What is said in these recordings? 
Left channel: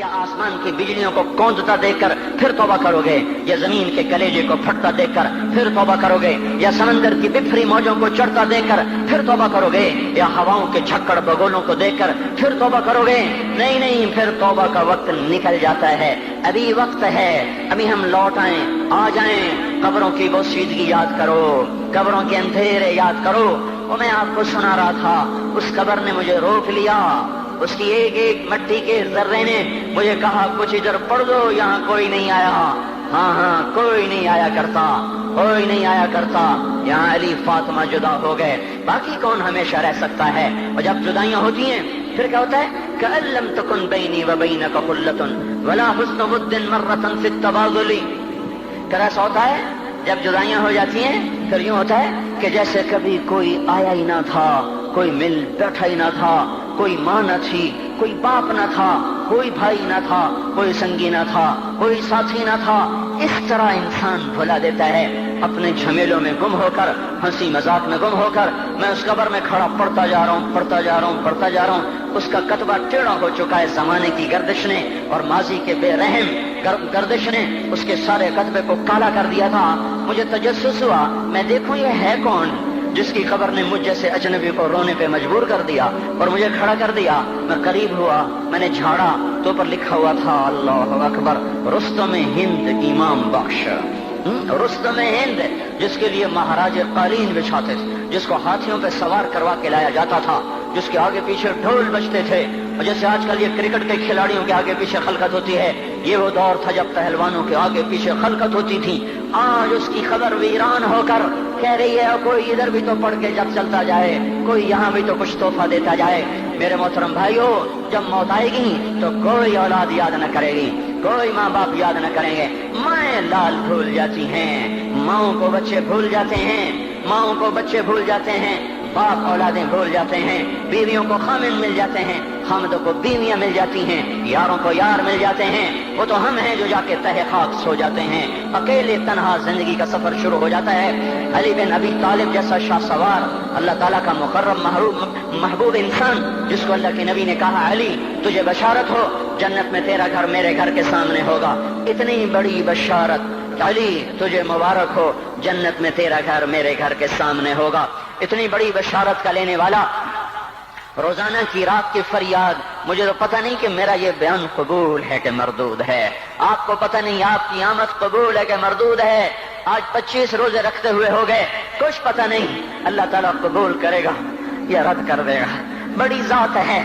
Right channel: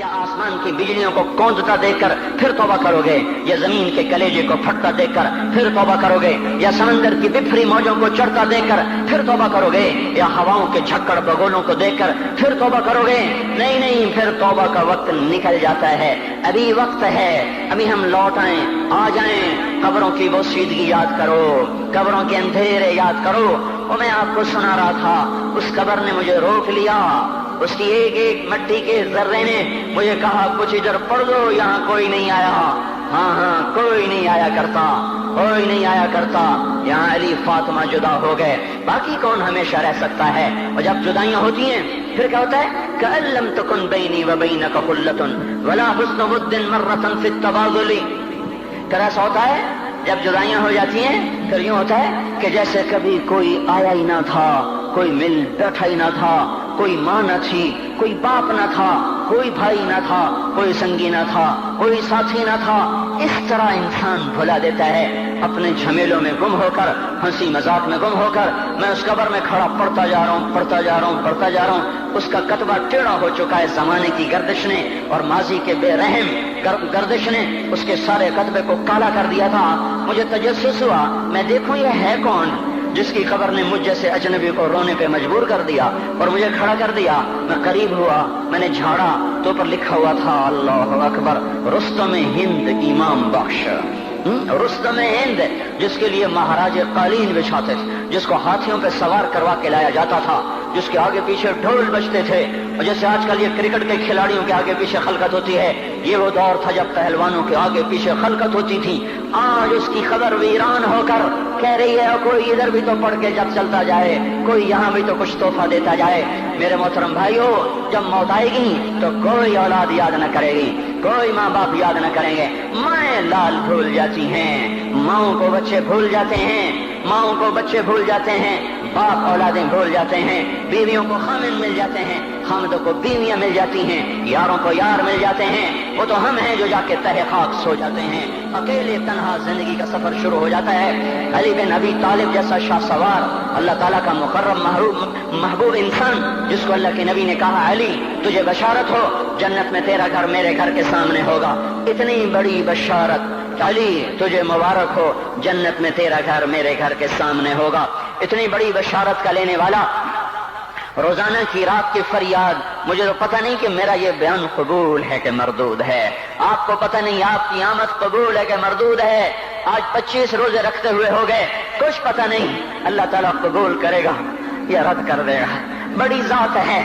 क्या आसमान की बिजलियों को कौंधता देखकर फिर तौबा करोगे, या जमीन के कलेजे को फटता देखकर फिर तौबा करोगे, या समंदर की बिखरी मौजों को चढ़ता देखकर फिर तौबा करोगे, या हवाओं के झक्कड़ बगोलों को देखकर फिर तौबा करोगे? नहीं नहीं, फिर तौबा का वक्त निकल जाता है। अभी वक्त है, अभी हम लौट आए, आ जाएं। कब्रों की वो सीधगी याद करो, कब्रों के अंधेरे याद करो। और मैं आपको सुना रहा था, उस कब्र ने मुझे रोक लिया, उसकी एक एक मट्टी के जर्रे ने मुझे कहा कुछ इधर पढ़ दो, यहाँ कोई नहीं आया। हाँ, कोई नहीं आया करता, कोई नहीं आया करता। यहाँ अली फातिमा जुदा हो गए, बाकी कौन हमेशा रह सकता है? और जब जुदाइयाँ होती हैं फिर क्या होता है? कअल्लम तकुन बैनी व बैनक खुल्लतुन वला हुस्न बुद्दिन मर्रतन फित तबादुली। फिर ऐसा होता है जब जुदाइयाँ हो जाती हैं, फिर यूँ होता है कि जैसे कभी कोई आया ही ना था, कोई मिल बैठा ही ना था, कोई माँ न थी, कोई बाप न था, कोई भाई न था, कोई संगी न था, कोई साथी न था। इस तरह इंसान भुला देता है, अपने झमेलों में गुम होकर, हंसी मजाक में गुम होकर। मैं उस कब्र में खड़ा पढ़ता जा रहा हूँ, पढ़ता जा रहा हूँ, पढ़ता जा रहा हूँ। उसका कतबा टेढ़ा हो चुका है ज़माने की गर्दिश ने और माजी के बेरहम गर्दिश ने उसके सारे कतबे को काला कर दिया था। मुझे तजस्सुस हुआ, मैं देखूं ये है कौन जिसकी खबर ने मुझ जैसे अजनबी को रोने पे मजबूर कर दिया और मुझे खड़ा कर दिया। मैं करीब हुआ, मैंने झाड़ा तो पर लिखा हुआ था अल्लाह अकबर, रुस्तम हिंद इमाम बख्श। रुस्तम हिंद, जिसके लिए महाराज कालीन बिछाते, जिसको हाथियों पे सवार करवा के लाया जाता था, जिसके आगे पीछे ढोल बजते थे। और जैसे आजकल ये क्रिकेट के खिलाड़ियों के आगे पीछे खलकत होती है, ये वो दौर था जब पहलवानों के आगे पीछे खलकत होती थी। आज उसकी खबर वीरान होकर कह रही है कोई इधर भी तो पढ़ के जब चलता जाए, कोई यहाँ भी तो कुछ तोहफा देता जाए। मेरे मोहतरम भाइयों, जब मौत आएगी तो कोई औलाद याद न करेगी, कोई माँ बाप याद न करेंगे। माएँ लाल भूल जाती हैं, माओं को बच्चे भूल जाते हैं, माओं को बच्चे भूल जाते हैं, बाप औलादें भूल जाते हैं, बीवियों को खामिन मिल जाते हैं, खामदों को बीवियां मिल जाती हैं, यारों को यार मिल जाते हैं। वो तो हम हैं जो जाके तहे खाक सो जाते हैं। अकेले तन्हा जिंदगी का सफर शुरू हो जाता है। अली बिन अबी तालिब जैसा शाह सवार, अल्लाह ताला का मुकर्रम महबूब इंसान, जिसको अल्लाह के नबी ने कहा अली तुझे बशारत हो, जन्नत में तेरा घर मेरे घर के सामने होगा। इतनी बड़ी बशारत, अली तुझे मुबारक हो, जन्नत में तेरा घर मेरे घर के सामने होगा। इतनी बड़ी बशारत का लेने वाला, रोजाना की रात की फरियाद। मुझे तो पता नहीं कि मेरा ये बयान कबूल है कि मरदूद है। आपको पता नहीं आपकी आमद कबूल है कि मरदूद है। आज 25 रोजे रखते हुए हो गए, कुछ पता नहीं अल्लाह ताला कबूल करेगा या रद्द कर देगा। बड़ी जात है,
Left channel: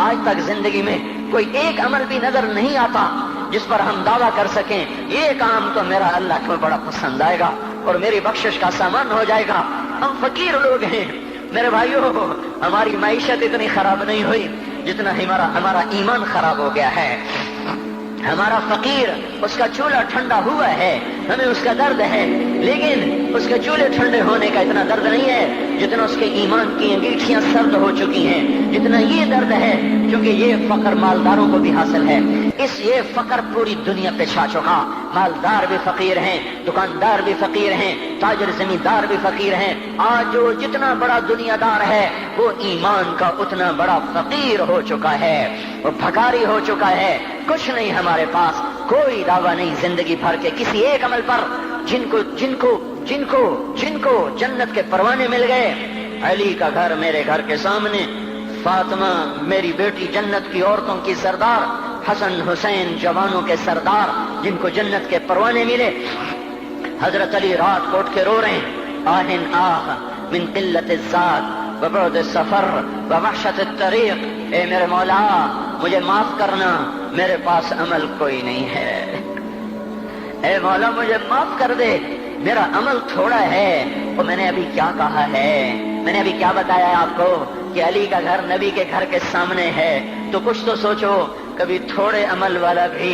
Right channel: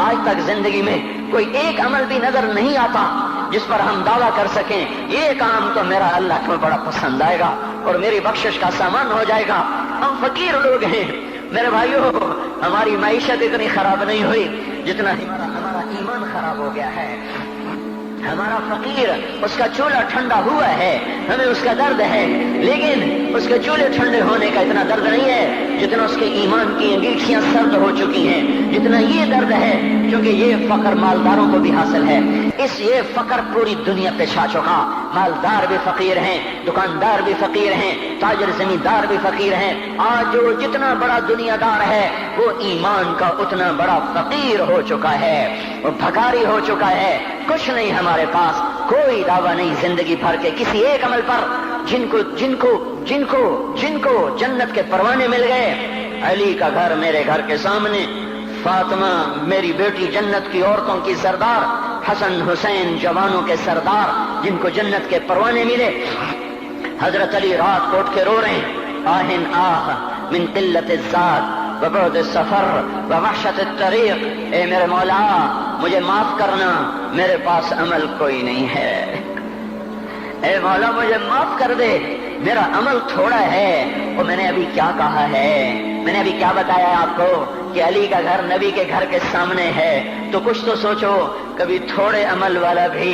आज तक जिंदगी में कोई एक अमल भी नजर नहीं आता जिस पर हम दावा कर सकें ये काम तो मेरा अल्लाह को बड़ा पसंद आएगा और मेरी बख्शिश का सामान हो जाएगा। हम फकीर लोग हैं मेरे भाइयों, हमारी मईशत इतनी खराब नहीं हुई जितना हमारा ईमान खराब हो गया है। हमारा फकीर, उसका चूल्हा ठंडा हुआ है, हमें उसका दर्द है, लेकिन उसके चूल्हे ठंडे होने का इतना दर्द नहीं है जितना उसके ईमान की अंगीठियां सर्द हो चुकी हैं, जितना ये दर्द है, क्योंकि ये फकर मालदारों को भी हासिल है। ये फकर पूरी दुनिया पे छा चुका। मालदार भी फकीर हैं, दुकानदार भी फकीर हैं, ताजर जमींदार भी फकीर हैं। आज जो जितना बड़ा दुनियादार है वो ईमान का उतना बड़ा फकीर हो चुका है, वो भकारी हो चुका है। कुछ नहीं हमारे पास, कोई दावा नहीं जिंदगी भर के किसी एक अमल पर। जिनको जिनको जिनको जिनको जन्नत के परवाने मिल गए, अली का घर मेरे घर के सामने, फातिमा मेरी बेटी जन्नत की औरतों की सरदार, हसन हुसैन जवानों के सरदार, जिनको जन्नत के परवाने मिले। हजरत अली रात को उठ के रो रहे हैं, आहिन आह मिन किल्लत ज़ात व बुअद सफर व वहशत तरीक़। ए मेरे मौला मुझे माफ करना, मेरे पास अमल कोई नहीं है। ए मौला मुझे माफ कर दे, मेरा अमल थोड़ा है। और मैंने अभी क्या कहा है, मैंने अभी क्या बताया आपको कि अली का घर नबी के घर के सामने है, तो कुछ तो सोचो। कभी थोड़े अमल वाला भी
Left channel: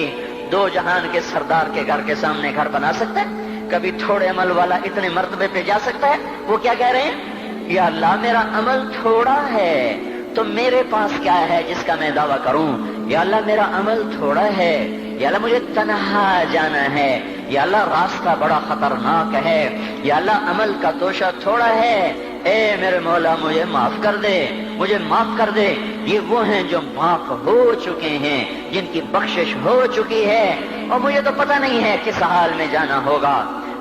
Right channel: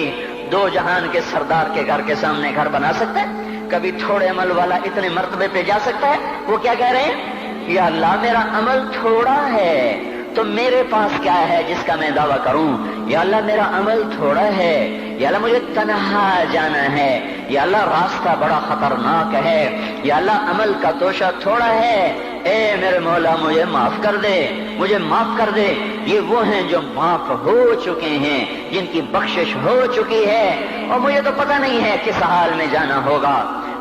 दो जहान के सरदार के घर के सामने घर बना सकता है? कभी थोड़े अमल वाला इतने मर्तबे पे जा सकता है? वो क्या कह रहे हैं, या अल्लाह मेरा अमल थोड़ा है तो मेरे पास क्या है जिसका मैं दावा करूं یا اللہ میرا عمل تھوڑا ہے، یا اللہ مجھے تنہا جانا ہے، یا اللہ راستہ بڑا خطرناک ہے، یا اللہ عمل کا توشہ تھوڑا ہے، اے میرے مولا مجھے معاف کر دے، مجھے معاف کر دے۔ یہ وہ ہیں جو معاف ہو چکے ہیں، جن کی بخشش ہو چکی ہے، اور مجھے تو پتہ نہیں ہے کس حال میں جانا ہوگا،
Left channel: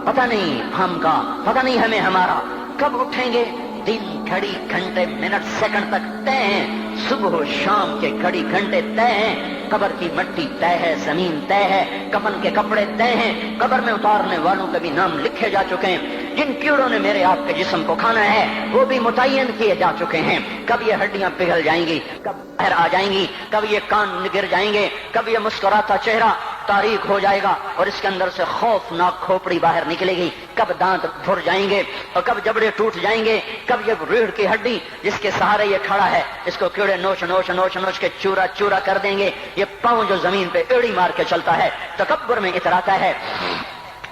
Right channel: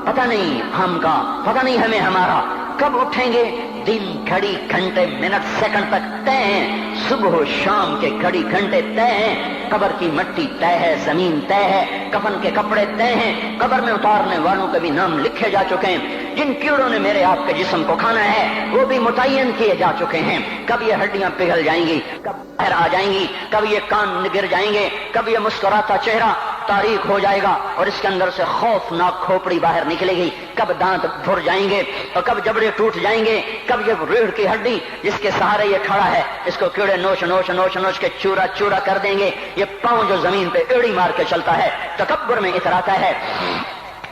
پتہ نہیں ہم کا، پتہ نہیں ہمیں ہمارا کب اٹھیں گے۔ دن گھڑی گھنٹے منٹ سیکنڈ تک طے ہیں، صبح و شام کے گھڑی گھنٹے طے ہیں، قبر کی مٹی طے ہے، زمین طے ہے، کفن کے کپڑے طے ہیں، قبر میں اتارنے والوں کے بھی نام لکھے جا چکے ہیں، جن کیڑوں نے میرے آپ کے جسم کو کھانا ہے وہ بھی متعین کیے جا چکے ہیں۔ کب یہ ہڈیاں پگھل جائیں گی، کب باہر آ جائیں گی، کب یہ کان گر جائیں گے، کب یہ مسکراتا چہرہ تاریخ ہو جائے گا اور اس کے اندر سے خوفناک کھوپڑی باہر نکلے گی، کب دانت بھر جائیں گے اور کب جبڑے ٹوٹ جائیں گے، کب یہ ریڑھ کی ہڈی جس کے سہارے یہ کھڑا ہے اس کو کیڑے نوچ نوچ نوچ نوچ کے چورا چورا کر دیں گے۔ یہ پاؤں جو زمین پہ ایڑی مار کے چلتا ہے، تکبر میں اتراتا ہے،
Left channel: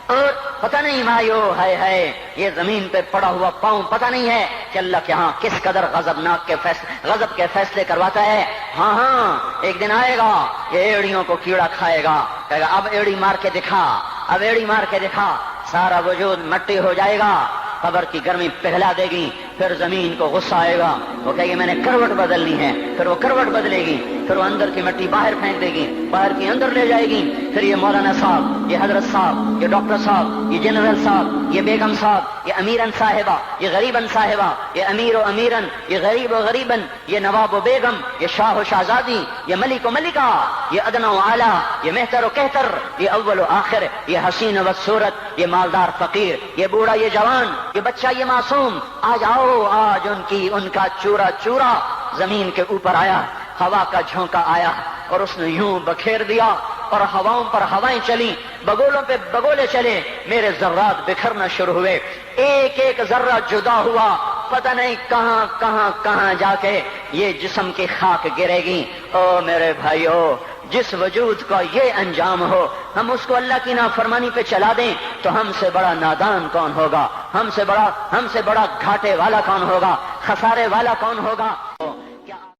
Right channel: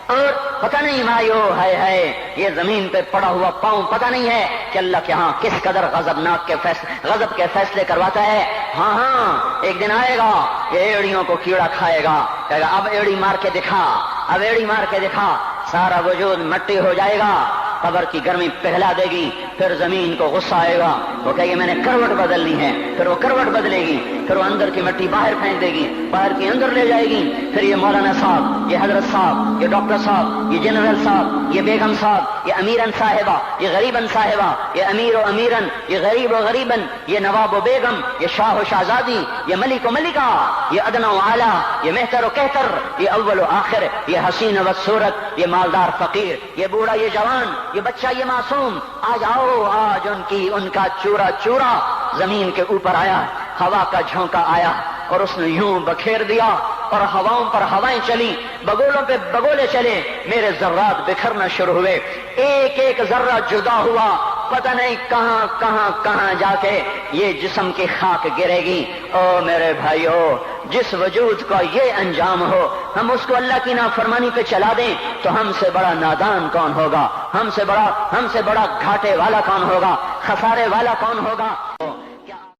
اور پتہ نہیں مایو ہے یہ زمین پہ پڑا ہوا پاؤں پتہ نہیں ہے کہ اللہ کے ہاں کس قدر غضب کے فیصلے کرواتا ہے۔ ہاں ہاں ایک دن آئے گا یہ ایڑیوں کو کیڑا کھائے گا، کہے گا اب ایڑی مار کے دکھا، اب ایڑی مار کے دکھا، سارا وجود مٹی ہو جائے گا، قبر کی گرمی پگھلا دے گی، پھر زمین کو غصہ آئے گا، وہ کہے گی میں نے کروٹ بدلنی ہے، پھر وہ کروٹ بدلے گی، پھر وہ اندر کی مٹی باہر پھینک دے گی، باہر کی اندر لے جائے گی، پھر یہ مولانا صاحب، یہ حضرت صاحب، یہ ڈاکٹر صاحب، یہ جنرل صاحب، یہ بیگم صاحب، یہ امیرن صاحبہ، یہ غریبن صاحبہ، یہ امیر و امیرن، یہ غریب و غریبن، یہ نواب و بیگم، یہ شاہ و شہزادی، یہ ملک و ملکہ، یہ ادنا و اعلیٰ، یہ مہتر و کہتر، یہ اول و آخر، یہ حسین و صورت، یہ مالدار فقیر، یہ بوڑھا یہ جوان، یہ بچہ یہ معصوم، آج آؤ، آج ان کا چورا چورا زمین کے اوپر آیا، ہوا کا جھونکا آیا اور اس نے یوں بکھیر دیا اور ہواؤں پر ہوائیں چلی، بگولوں پہ بگولے چلے، میرے ذرات بکھرنا شروع ہوئے، ایک ایک ذرہ جدا ہوا، پتہ نہیں کہاں کہاں کہاں جا کے یہ جسم کی خاک گرے گی۔ او میرے بھائیو، جس وجود کا یہ انجام ہو، ہم اس کو اللہ کی نافرمانی پہ چلا دیں تو ہم سے بڑا نادان کون ہوگا، ہم سے بڑا گھاٹے والا کون ہوگا، خسارے والا کون ہوگا۔